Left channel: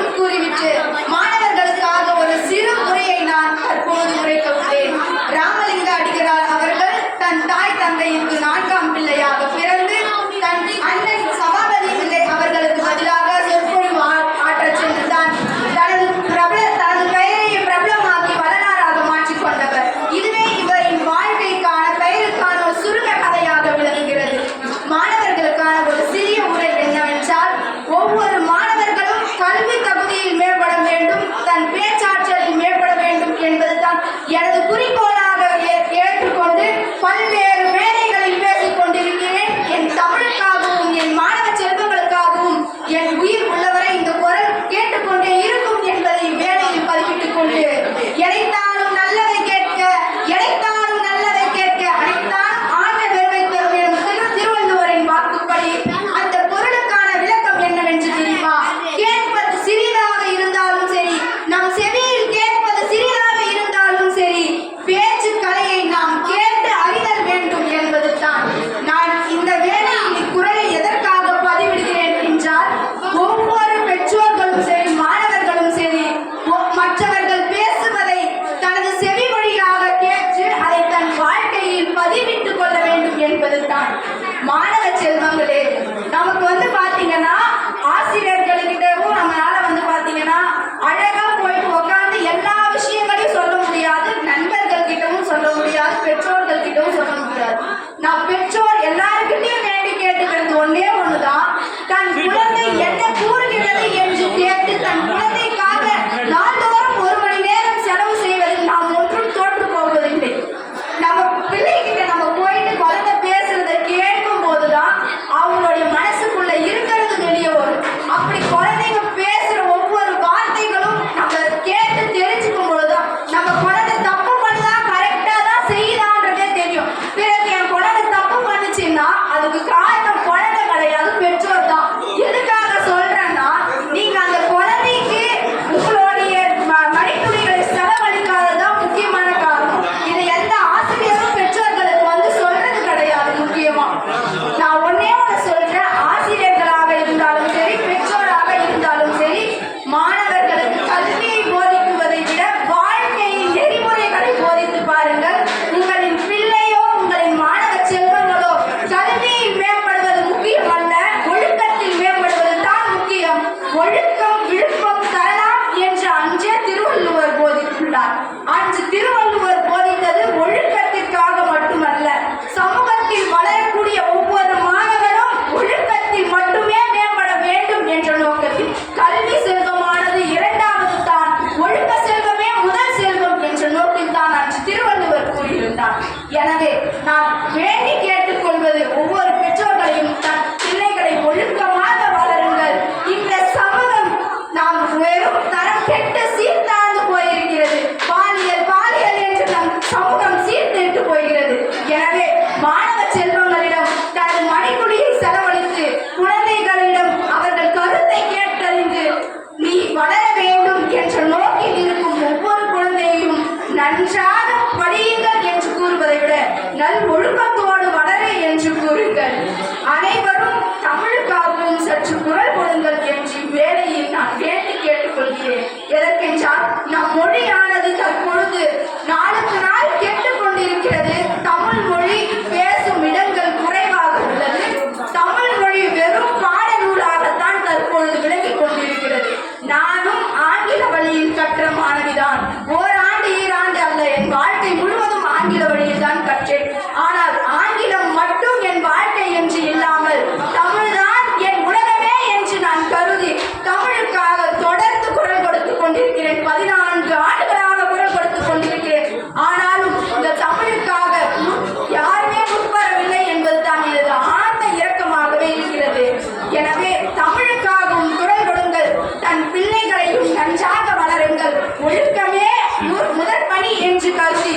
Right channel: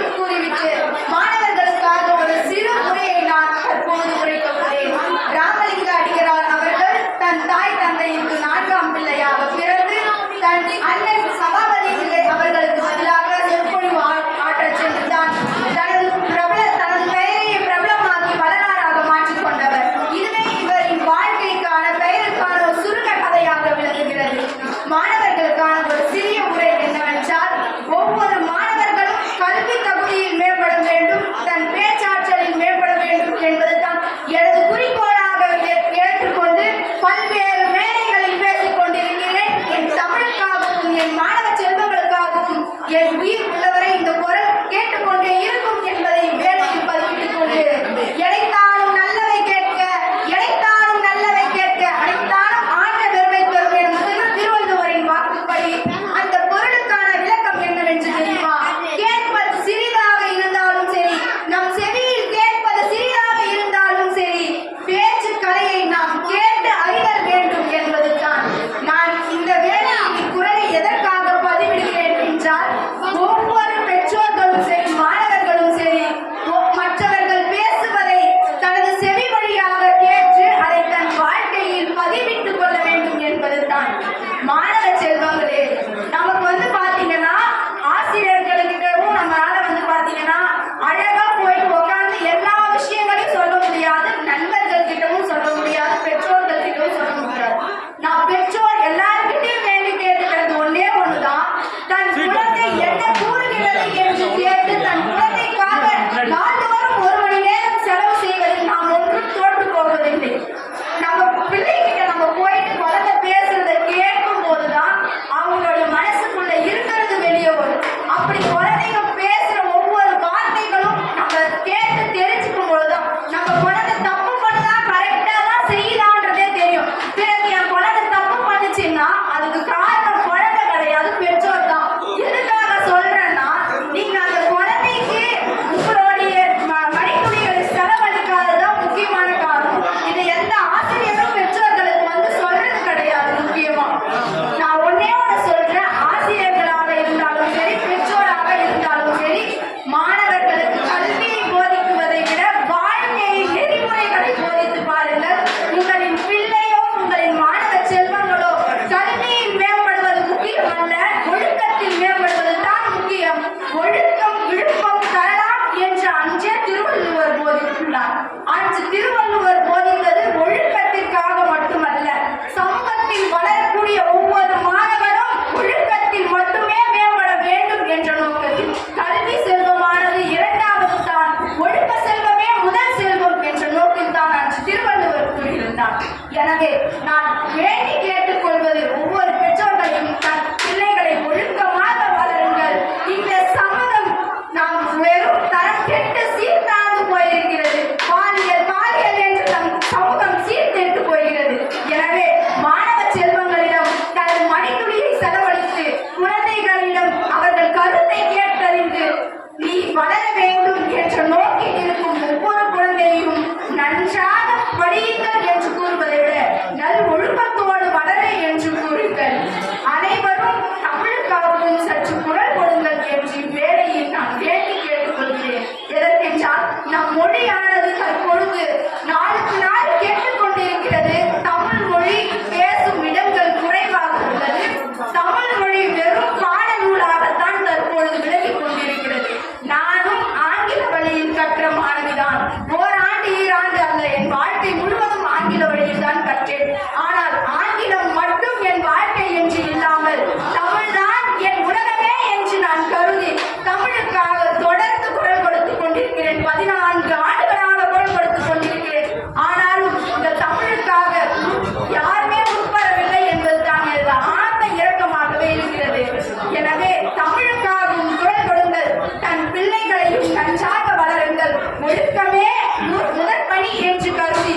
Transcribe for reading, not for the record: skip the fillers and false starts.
மட்டும் கூறிவிட்டு மாணவர்களுக்காக ஒரு சிறு உரையை நான் தற்போது உரைக்க உள்ளேன். ராமலிங்க அடிகளார் அவர்கள் தன் தாய் தந்தைக்கு 4ஆம் பிள்ளையாக பிறந்து தன் அண்ணன் சபாபதி பிள்ளை அவர்களுக்கு பதிலாக சொற்பொழிவு ஆற்றச் சென்றுதான் தனது பெயரை பிரபலமாக்கி வரலாறாக மாற்றிக் கொண்டவர். இதுவே இவரின் வாழ்க்கைக்கான பெயருக்கான ஒரு சுருக்க கதையாக விளங்குகிறது. மாணவர்களுக்கான ஒரு சிறிய உரை என்னவென்றால், ஒவ்வொரு மாணவர்களும் கல்வி தகுதியில் மேம்பட வேண்டும், தன் பேச்சாற்றலில் மேம்பட வேண்டும் என்பதுதான் எனது குறிக்கோளாக ஏற்றுக்கொண்டு பல்வேறு மேடைகளில் பேசிக் கொண்டிருக்கிறேன். என் தமிழுக்காகவும் என் மாணவ செல்வங்களுக்காகவும் என் உயிர் உள்ளவரை இந்த குரல் கேட்டுக்கொண்டே இருக்கும் என்பதை வேலையில் பதிவிட்டுக் கொண்டு, எனைத்தானும் நல்லதை கேட்க, எனைத்தானும் நல்லதை கேட்க, அனைத்தானும் ஆன்ற பெருமை தரும் எனும் திருவள்ளுவரின் வாக்குப்படி அந்த பொருளுக்கான விளக்கம் என்னவென்று தெரியுமா? கேட்பது சிறிதாக இருந்தாலும் சரி, நம் செவியில் கேட்பது சிறிதாக இருந்தாலும் சரி, பேச்சு கலையை நாம் கேட்டு அறிதல் வேண்டும் என்பதுதான். நான் இந்த வேளையில் இக்குறளை எதற்காக பதிவிடுகிறேன் என்றால், ஒவ்வொரு பெற்றோர்களும் சரி, மாணவர்களும் சரி, மற்றவர்கள் பேசுவதை தனது செவி வழியாக கேட்டு அதை தன் வாழ்க்கையில் பதிவிட்டுக் கொள்ள வேண்டும் என்பதுதான். மாணவ செல்வங்களே, நமக்கு பாத்தீங்கன்னா ஆசிரியர்களுக்கிட்டவும் நம்மளால பாத்தீங்கன்னா அழகா போயிட்டு உட்காந்து எல்லா விஷயங்களையும் சொல்ல முடியாது, நண்பர்கள் கிட்டவும் சொல்ல முடியாது, பெற்றோர்கள் கிட்டவும் சொல்ல முடியாது. நான் பெற்றோர் எல்லாருக்கிட்டையும் வேண்டி கேட்டுக்கிறது ஒன்னே ஒண்ணுதான், தன் குழந்தை என்ன கூறுகிறது என்று கேட்டு தன் குழந்தைக்காக நாள்தோறும் 1 மணி நேரம் செலவு செய்வதில் நாம் ஒன்றும் தோற்று போவதில்லை. நம்ம பிள்ளைகிட்ட நம்ம போயிட்டு குழந்தை பேசுறதை கேட்கும் போதுதான் அவங்களுடைய மனசுக்குள்ள இருக்கிறது வெளியே வரும். அப்படி குழந்தைங்க பேசுற ஒவ்வொரு வார்த்தைகளும் நம்ம கேட்டு தெரிஞ்சுக்கும் போதுதான் நம்ம குழந்தை தப்பு பண்ணுதா கரெக்டா தான் செய்யுதான்றதே தெரியும். பிறகு என் குழந்தை தப்பு பண்ணுச்சுன்னா அதுக்கு காரணம் குழந்தை கிடையாது, பெற்றோர் தான். எதுக்காக சொல்றேன்னா, நீங்க அந்த குழந்தைக்கு உங்களுடைய மணித்துளிகளை செலவழிக்காததான் முக்கியமான காரணம். இதை எந்த ஆசிரியரும் பெற்றோர்களுக்கு சொல்றது கிடையாது. முக்கியமா நான் ஒன்னே ஒண்ணு சொல்றேன், ஆசிரியர்களாக இருந்தாலும் சரி, பெற்றோராக இருந்தாலும் சரி, மாணவர்களுக்கு கல்வியை போதிக்குவதை விட வாழ்க்கையின் நெறிமுறைகளை போதித்து பாருங்கள். உங்களின் பிள்ளையோ உங்களின் மாணவ செல்வங்களோ கல்வியில் மேம்படுவது முக்கியம் அல்ல, ஒழுக்கத்தில் மேம்படுவது தான் முக்கியம். ஒழுக்கம் விழுப்பம் தரலாம் என்று அன்றே திருவள்ளுவர் போதித்துள்ளார். அன்று திருவள்ளுவர் போதித்தது ஒழுக்கத்திற்காக மட்டுமல்ல, சமூகத்தில் வளரக்கூடிய ஒவ்வொரு மாணவரும் ஒழுக்கத்தில் மட்டுமே மேம்பட வேண்டும் என்ற நோக்கத்தில் கல்வி செல்வமானது 2வது தான், ஒழுக்க செல்வமே முதல் செல்வம் என்ற நோக்கில் தான் அன்று திருவள்ளுவர் கூறியிருந்தார். எனவே நான் வேண்டி கேட்டுக்கொள்வது, ஒவ்வொரு பெற்றோர்களையும் தன் பிள்ளைகளை ஒழுக்கமாக வளருங்கள். இந்த சமூகம் நாம் வெறும் தரம் கெட்டு சீர்தாழ்ந்து போயிருக்கிறது. பாலியல் என்று நம் சமூகம் சீர்திருட்டு போகிறது. எனவே மாணவ செல்வங்களிடம் தன் மணித்துளியை செலவழித்து குழந்தைகளிடம் அவர்கள் கருத்தை கேட்டறிந்து நீ வளர வேண்டும் என்ற நோக்கில் இருக்கும் ஒவ்வொரு குழந்தையும் நன்றாக படியுங்கள் என்று கூறுவதை விட நல் ஒழுக்கத்தோடு வளர என்று கூறுங்கள். அனைவரும் தமிழுக்காகவும் சற்று குரல் கொடுங்கள் என்று வேலையில் நான் வேண்டி கேட்டுக்கொள்கிறேன். எதற்கென்றால், நம் மொழியானது தற்பொழுது நாளுக்கு நாள் கெட்டுக் கொண்டிருக்கிறது. தமிழ் மொழி பேசும் இடங்கள் குறைவாக உள்ளது. தமிழ் மொழி வெறும் பாடநூலாகத்தான் தற்பொழுது விலகிக் கொண்டிருக்கிறது. நானும் ஆங்கில வழியில் கற்ற மாணவிதான். ஓராண்டு 2 ஆண்டு அல்ல, என் வாழ்க்கை முழுவதும் ஆங்கில வழியில் தான் கற்றேன். ஆனால் ஆங்கிலம் மட்டும் என் வாழ்க்கை என்று இல்லாமல் தமிழ்தான் என் உலகமே என்று நான் கருதி தமிழுக்காக தொடர்ந்து குரல் கொடுத்துக் கொண்டிருக்கிறேன். 14 ஆண்டுகளாக குரல் கொடுத்துக் கொண்டிருக்கிறேன். ஆனாலும் இந்த தமிழுக்காக யாருமே முற்படவில்லை என்பதுதான் எனது ஆழ்ந்த இரக்கமாகவே இருக்கிறது. எனவே தமிழுக்காகவும் குரல் கொடுங்கள், தன் பிள்ளைகளையும் நன்றாக வளருங்கள். ஒழுக்கமே முதற்பணி என்று கருதி